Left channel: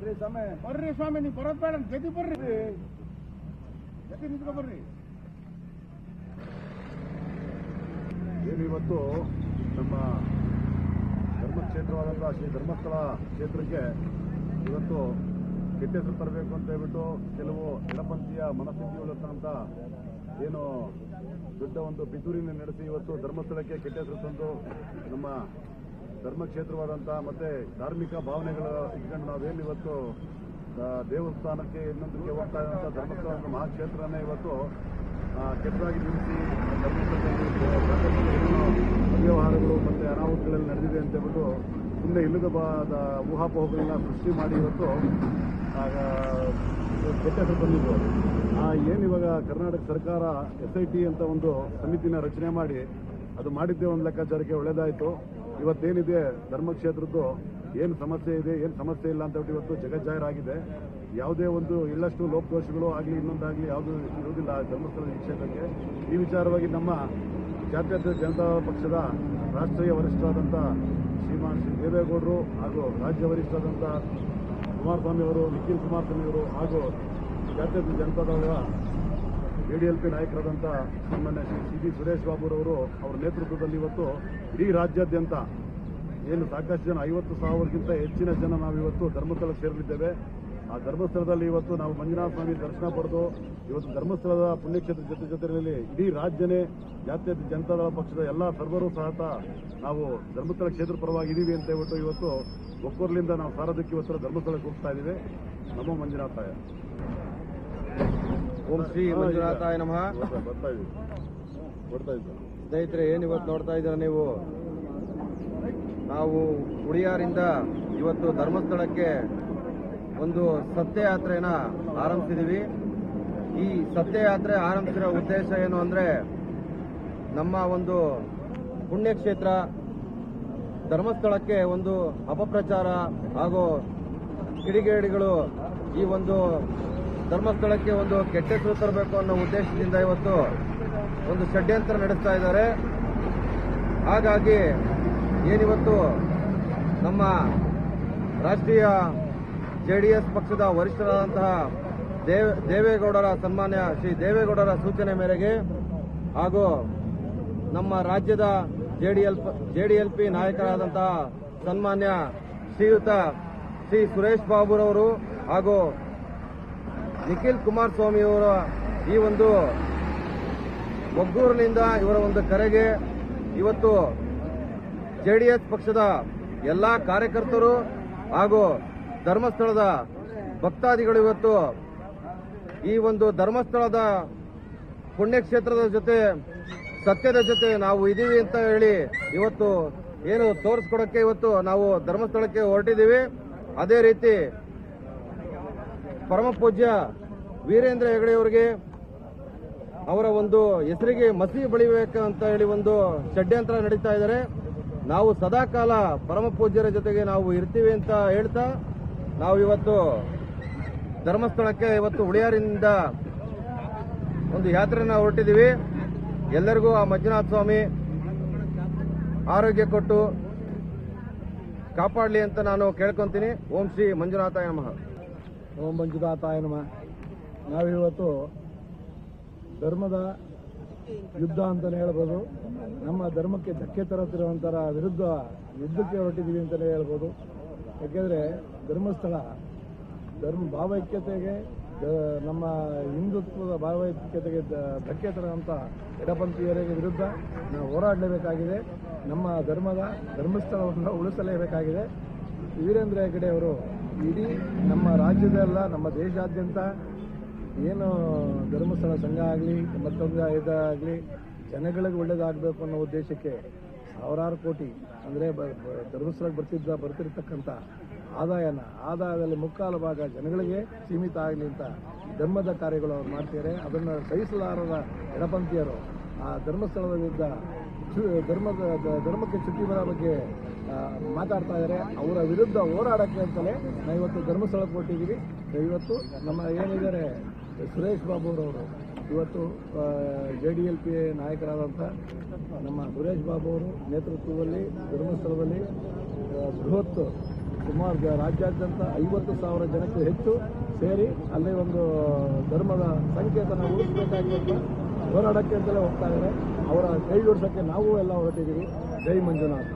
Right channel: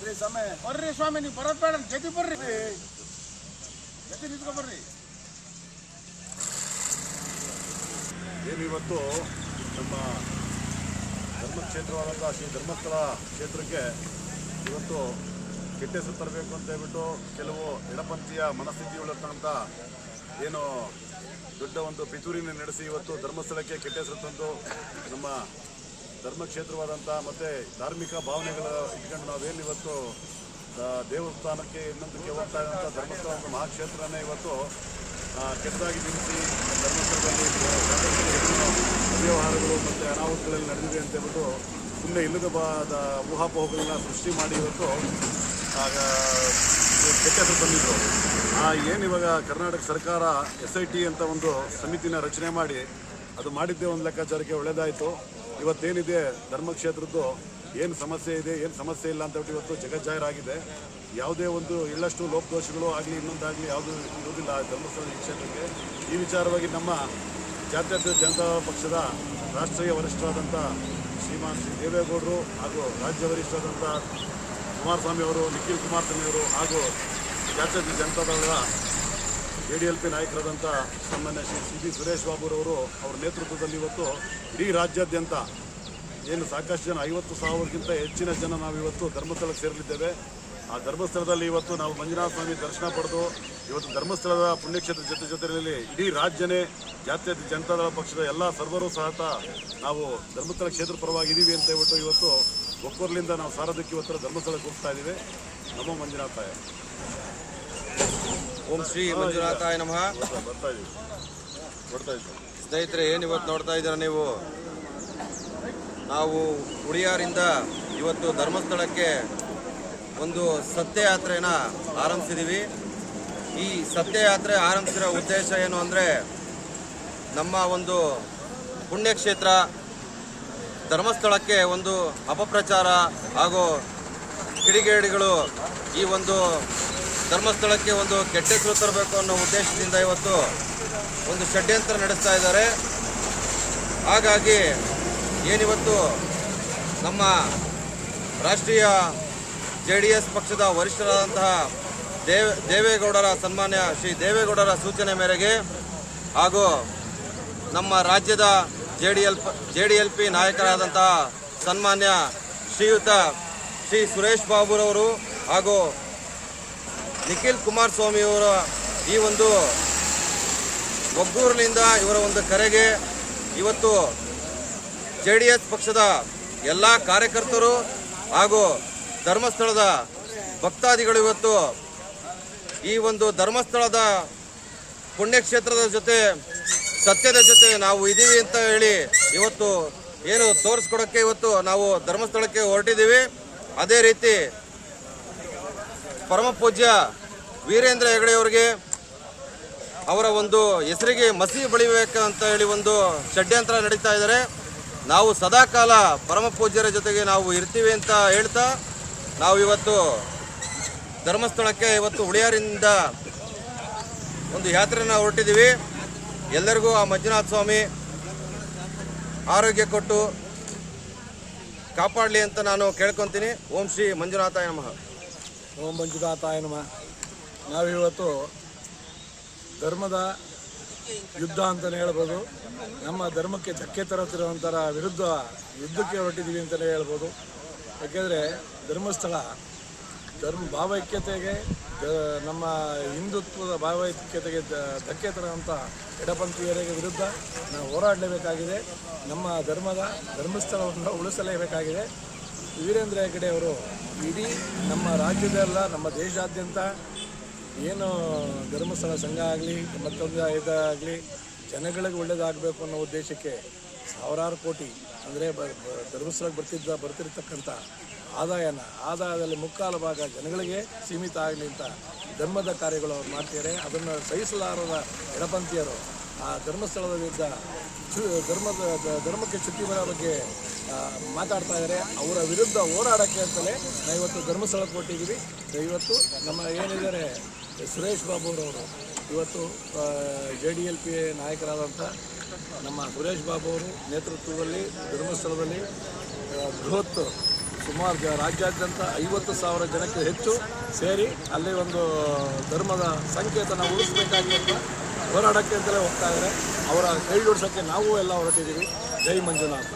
ಬರ್ರಿ ಸ್ವಾಮಿ, ನೀವು ಬರೋದು ಬೇಡ, ಜೊತೆ ಬರ್ರಿ, ಜೊತೆ ನಿಂತ್ಕೊ ಬರ್ರಿ. ಏನಿವತ್ತು ನಮ್ಮ ಧರ್ಮಕ್ಷೇತ್ರವಾದಂಥ ಶ್ರೀ ಧರ್ಮಸ್ಥಳ ಕ್ಷೇತ್ರಕ್ಕೆ ಇವತ್ತು ಕೆಟ್ಟ ಹೆಸರು ತರಬೇಕು ಅಂತ ಹೇಳ್ಬಿಟ್ಟು ಕೆಲವು ಎಡಪಂಥೀಯ ಮನಸ್ಥಿತಿಗಳಿರ್ತಕ್ಕಂಥ ಏನು ದೊಡ್ಡ ಒಂದು ಪಿತೂರಿನ ನಡೆಸಿ ಇವತ್ತು ಧರ್ಮಸ್ಥಳಕ್ಕೆ ಕೆಟ್ಟ ಹೆಸರು ತಂದು ನಮ್ಮ ಧರ್ಮಕ್ಷೇತ್ರವಾದಂಥ ಮತ್ತು ಧಾರ್ಮಿಕ ಭಾವನೆಗಳ ಇಟ್ಕೊಂಡು ನಾವೇನು ಇವತ್ತು ದೇವಸ್ಥಾನಕ್ಕೆ ಇನ್ನೊಂದಕ್ಕೆ ಹೋಗ್ತಾ ಇದ್ದಂಥ ಧರ್ಮಸ್ಥಳ ಒಂದು ಮಹಾಕ್ಷೇತ್ರನೇ ಇವತ್ತು ಕೆಟ್ಟದಾಗಿ ನಿಲ್ಲಿಸಿ ಆ ಧರ್ಮಸ್ಥಳದಲ್ಲಿ ಸಾಕಷ್ಟು ಏನು ಅವ್ಯವಹಾರಗಳು ಮತ್ತು ಅನಾಹುತಗಳಲ್ಲಿ ನಡೆದಿದೆ ಅಂತ ಹೇಳ್ಬಿಟ್ಟು ಸುಮ್ಮನೆ ಇಲ್ಲದ ಊಹಾಪೋಹಗಳನ್ನ ಸೃಷ್ಟಿ ಮಾಡಿ ಇವತ್ತು ಕೆಟ್ಟ ಹೆಸರು ತಂದಿದ್ರು. ಏನಿವಾಗ ಕರ್ನಾಟಕ ಸರ್ಕಾರ SIT ಅಂತ ಒಂದು ಸಮಿತಿನ ರಚನೆ ಮಾಡಿ ಅದು ಮಾಡಿದ್ದೇ ಒಂದು ಲೆಕ್ಕಾಚಾರಕ್ಕೆ ಒಳ್ಳೆಯದಾಯಿತು. ಇವತ್ತೇನಿದೆ ಧರ್ಮಕ್ಷೇತ್ರದ್ದು ಏನು ಸಮಸ್ಯೆ ಇದೆ, ಏನು ಸಮಸ್ಯೆ ಇಲ್ಲ ಅಂತ ಹೇಳ್ಬಿಟ್ಟು ಇವತ್ತು ಜಗಜ್ಜಾಹೀರಾಗಿದೆ. ಯಾವುದೇ ಒಂದು ಇಲ್ಲಷ್ಟು ಲೋಪದೋಷಗಳು ಆಗಲಿ ಇನ್ನೊಂದಾಗಲಿ ಯಾವುದು ಇರುವುದಿಲ್ಲ ಧರ್ಮಸ್ಥಳ ಕ್ಷೇತ್ರಕ್ಕೆ. ಈ ವಿಚಾರವಾಗಿ ನಮ್ಮ ಜಾತ್ಯತೀತ ಜನತಾ ಪಕ್ಷದ ರಾಷ್ಟ್ರೀಯ ವರಿಷ್ಠರಾದಂಥ ಶ್ರೀಮಾನ್ ಶ್ರೀ ದೇವೇಗೌಡರು ಹಾಗೂ ರಾಜ್ಯ ವರಿಷ್ಠರಾದಂಥ ಕುಮಾರಸ್ವಾಮಿ ಅವರು, ನಿಖಿಲ್ ಕುಮಾರಸ್ವಾಮಿ ಅವರು ಹಾಗೂ ಜಾತ್ಯತೀತ ಜನತಾದಳದ ADLP ನಾಯಕರಾದಂಥ ಸಾಮಾನ್ಯ ಶ್ರೀ CB ಸುರೇಶ್ ಬಾಬುರವರು ಅವರ ನೇತೃತ್ವದಲ್ಲಿ ಇವತ್ತು ಇಡೀ ರಾಜ್ಯಾದ್ಯಂತ ಏನು ಸಾಕಷ್ಟು ಜನ 50,000ಕ್ಕಿಂತ ಹೆಚ್ಚಿನ ಜನ ನಾವಿವತ್ತು ಧರ್ಮಸ್ಥಳಕ್ಕೆ ಸೇರಲಿದ್ದೇವೆ. ಆ ಧರ್ಮಸ್ಥಳದಲ್ಲಿ ಇವತ್ತು ನಾವು ಮಂಜುನಾಥ ಸ್ವಾಮಿ ದರ್ಶನ ಪಡೆದು ಇವತ್ತು ಧರ್ಮಸ್ಥಳದ ಪುಣ್ಯಕ್ಷೇತ್ರ ಜೊತೆಯಲ್ಲಿ ಇಡೀ ರಾಜ್ಯನೇ ಜಾತ್ಯತೀತ ಜನತಾದಳ ಪಕ್ಷದ ಎಲ್ಲ ಸರ್ವರು ಸಹ ನಾವು ಧರ್ಮಸ್ಥಳ ಕ್ಷೇತ್ರ ಪರವಾಗಿ ಇದ್ದೀವಿ ಅಂತ ಹೇಳ್ಬಿಟ್ಟು ಇವತ್ತು ಒಕ್ಕೂರ್ಲಿಂದ ನಾವು ಸಾರೋದಕ್ಕೆ ಇವತ್ತು ಧರ್ಮಸ್ಥಳಕ್ಕೆ ಹೋಗ್ತಾ ಇದ್ದೀವಿ. ನಮೋ ಮಂಜುನಾಥಾಯ. ಓಂ ಶ್ರೀ ಮಂಜುನಾಥಾಯ ನಮಃ. ಬರ್ತಾ ಇದ್ದೀವಿ ಸ್ನೇಹಿತರೆ, ಏನಿವತ್ತು ನೋಡ್ತಾ ಇದ್ದೀರ ನೀವು, ನಾವು ಉಳಿಯಾರಿಂದ ಇವತ್ತು ಧರ್ಮಸ್ಥಳಕ್ಕೆ ಒಂದು ಸತ್ಯಯಾತ್ರೆಯನ್ನು ಆರಂಭಿಸಿದ್ದೀವಿ. ಈ ಸತ್ಯಯಾತ್ರೆ ಆರಂಭಿಸಿರೋ ಉದ್ದೇಶ ಏನು ಅಂದರೆ, ನಮ್ಮ ಒಂದು ಪುಣ್ಯಕ್ಷೇತ್ರ ಧರ್ಮಸ್ಥಳಕ್ಕೆ ಒಂದು ಅಪಪ್ರಚಾರ ಹಾಗೂ ಕಿಡಿಗೇಡಿಗಳು ಈ ಒಂದು ಧರ್ಮಸ್ಥಳಕ್ಕೆ ಒಂದು ಕೆಟ್ಟ ಹೆಸರು ತರಬೇಕು ಅನ್ನೋ ಉದ್ದೇಶದಿಂದ ಇವತ್ತು ಒಂದು ಷಡ್ಯಂತ್ರ ನಡೆಸ್ತಾ ಇದ್ದಾರೆ. ಹಾಗಾಗಿ ಏನಿವತ್ತು ನಮ್ಮ ರಾಷ್ಟ್ರೀಯ JDS ಪಕ್ಷದ ವರಿಷ್ಠರಾದಂತಹ ದೇವೇಗೌಡರ ಸನ್ಮಾನ್ಯ ಶ್ರೀ ದೇವೇಗೌಡರ ಸೂಚನೆ ಮೇರೆಗೆ ಹಾಗೂ ನಮ್ಮ ರಾಜ್ಯದ JDLP ನಾಯಕರಾದಂತಹ ಸನ್ಮಾನ್ಯ ಶ್ರೀಯುತ ಶ್ರೀ ಸುರೇಶ್ ಬಾಬುರವರು ಹಾಗೂ ನಿಖಿಲ್ ಕುಮಾರಸ್ವಾಮಿಯವರ ಈ ಒಂದು ಒಗ್ಗೂರಿನಿಂದ ಇವರ ಒಂದು ಕರೆಗೆ ಇವತ್ತು JDS ಪಕ್ಷದ ಎಲ್ಲ ಕಾರ್ಯಕರ್ತರು ಹಾಗೂ ಧರ್ಮಸ್ಥಳದ ಭಕ್ತಾದಿಗಳು ಇವತ್ತು ಈ ಒಂದು ಧರ್ಮಸ್ಥಳದ ಪುಣ್ಯಕ್ಷೇತ್ರದ ಜೊತೆ ಸತ್ಯದ ಜೊತೆ ನಾವು ಇದ್ದೀವಿ ಅಂತ ಹೇಳಿ ಇವತ್ತು ಏನು ತೋರಿಸ್ಕೊಡೋಕ್ಕೆ ಇವತ್ತು ನಾವು ಧರ್ಮಸ್ಥಳಕ್ಕೆ ಹೊರಟಿದ್ದೀವಿ. ಅದೇ ರೀತಿ ಪರಮ ಪೂಜ್ಯ ವೀರೇಂದ್ರ ಹೆಗಡೆಯವರಿಗೆ ಅವರ ಒಂದು ಹೆಸರಿಗೆ ಮಸಿ ಬಳಿಬೇಕಂತ ಹೇಳಿ ಒಂದು ಷಡ್ಯಂತ್ರ ನಡೀತಾ ಇದ್ದಾರೆ. ನಾವು ಸದಾಕಾಲ ಪರಮ ಪೂಜ್ಯರ ಜೊತೆಗೆ ನಾವು ಇರ್ತೀವಿ ಅಂತ ಹೇಳ್ತಾ ನಾವು ಇವತ್ತು ಧರ್ಮಸ್ಥಳಕ್ಕೆ ಇವತ್ತು ಉಳಿಯಾರಿಂದ ಒಂದು ಯಾತ್ರೆಯನ್ನು ಹೊರಟಿದ್ದೀವಿ. ಎಲ್ಲರಿಗೂ ಆ ಮಂಜುನಾಥ ಸ್ವಾಮಿ ಆರೋಗ್ಯ ಕೊಟ್ಟು ಕಾಪಾಡಲಿ ಅಂತ ನಾನು ಕೇಳ್ಕೊತೀನಿ. ಓಂ ಶ್ರೀ ಮಂಜುನಾಥಾಯ ನಮಃ. ಓಂ ಮಂಜುನಾಥಾಯ ನಮಃ. ನಾವಿವತ್ತು ಧರ್ಮದ ಯುದ್ಧ ಅಂತಲೇ ಹೇಳ್ಬೋದು. ನಮ್ಮ ಧರ್ಮಕ್ಕೆ ಧಕ್ಕೆ ತರುತ್ತಿರುವಂಥರ ವಿರುದ್ಧ ಯುದ್ಧಕ್ಕೆ ಹೊರಟಿದ್ದೀವಿ ಅಂತಲೇ ಹೇಳ್ಬೋದು. ಯಾಕೆಂದರೆ ಧರ್ಮಸ್ಥಳ ಭಾವೈಕ್ಯತೆಗೆ, ನಮ್ಮ ಹಿಂದುತ್ವದ ಭಾವೈಕ್ಯತೆಗೆ ಧಕ್ಕೆ ತರುವಂಥ ಎಡಪಂಥೀಯರ ವಿರುದ್ಧ ನಾವು ಹೋರಾಡಲೇಬೇಕಾಗಿದೆ. ನಮ್ಮ ಧರ್ಮಸ್ಥಳವನ್ನು ಉಳಿಸಲೇಬೇಕಾಗಿದೆ. ವೀರೇಂದ್ರ ಹೆಗಡೆ ಅವರು ಇಡೀ ನಮ್ಮ ರಾಜ್ಯದಲ್ಲ, ನಮ್ಮ ದೇಶಾದ್ಯಂತ ಏನು ಧರ್ಮಸ್ಥಳ ಸಂಘ ಆಗಲಿ ಮತ್ತೊಂದು ಇದಾಗಲಿ ಜನಗಳಿಗೆ ಒಳ್ಳೆಯದಾಗಬೇಕು ಅನ್ನೋ ಉದ್ದೇಶಕ್ಕೆ ಸಾವಿರಾರು ಕೋಟಿ ಅಂದರೆ ಧರ್ಮಸ್ಥಳಕ್ಕೆ ಬರ್ತಿರ್ತಕ್ಕಂಥ ಆದಾಯದಲ್ಲಿ ಮುಕ್ಕಾಲು ಭಾಗ ಜನಗಳಿಗೆ ಸೀಮಿತ ಆಗಲಿ ಅಂತ ಧರ್ಮದ ಕಾರ್ಯಗಳು ಅವ್ರು ಮಾಡ್ತಿದ್ದಾರೆ. ಅದನ್ನು ಸಹಿಸಲಾರದ ಎಡಪಂಥೀಯರು ಆ ಧರ್ಮಸ್ಥಳದ ವಿರುದ್ಧ ಧರ್ಮಕ್ಕೆ ಚ್ಯುತಿ ಬರೋ ಬಗ್ಗೆ ಮಾತಾಡ್ತಾ ಇದ್ದಾರೆ. ಅವರ ವಿರುದ್ಧ ಹೋರಾಡೋಕ್ಕೆ ಅಂತಲೇ ನಾವು ಇವತ್ತು ಧರ್ಮಸ್ಥಳಕ್ಕೆ ಕೊಟ್ಟಿದ್ದೀವಿ. ಇವತ್ತು ನಮ್ಮ ಏನಿದ್ದಾರೆ ಸುರೇಶ್ ಬಾಬುರವರು ಇವತ್ತು JDLP ನಾಯಕರಾದಂಥ ನಮ್ಮ ಸುರೇಶ್ ಬಾಬು ಅವರು ನೇತೃತ್ವದಲ್ಲಿ ಧರ್ಮಸ್ಥಳದಲ್ಲಿ ಬೃಹತ್ ಸುಮಾರು ರಾಜ್ಯಾದ್ಯಂತ 50,000 ಜನಕ್ಕೆ ಹೆಚ್ಚು ಸೇರಿ ಅಲ್ಲಿ ಒಂದು ಧರ್ಮದ ಸಂಕೇತನ ಉಳಿಸಬೇಕಾಗಿ ಅಂತ ಹೋರಾಡಕ್ಕೆ ಅಂತಲೇ ಹೋಗ್ತಾ ಇದ್ದಾರೆ. ಅವರ ಕೈ ಜೋಡಿಸೋಕ್ಕೆ ನಾವು ಎಲ್ಲ ಹೊರಟಿದ್ದೀವಿ. ಜೈ ಮಂಜುನಾಥ.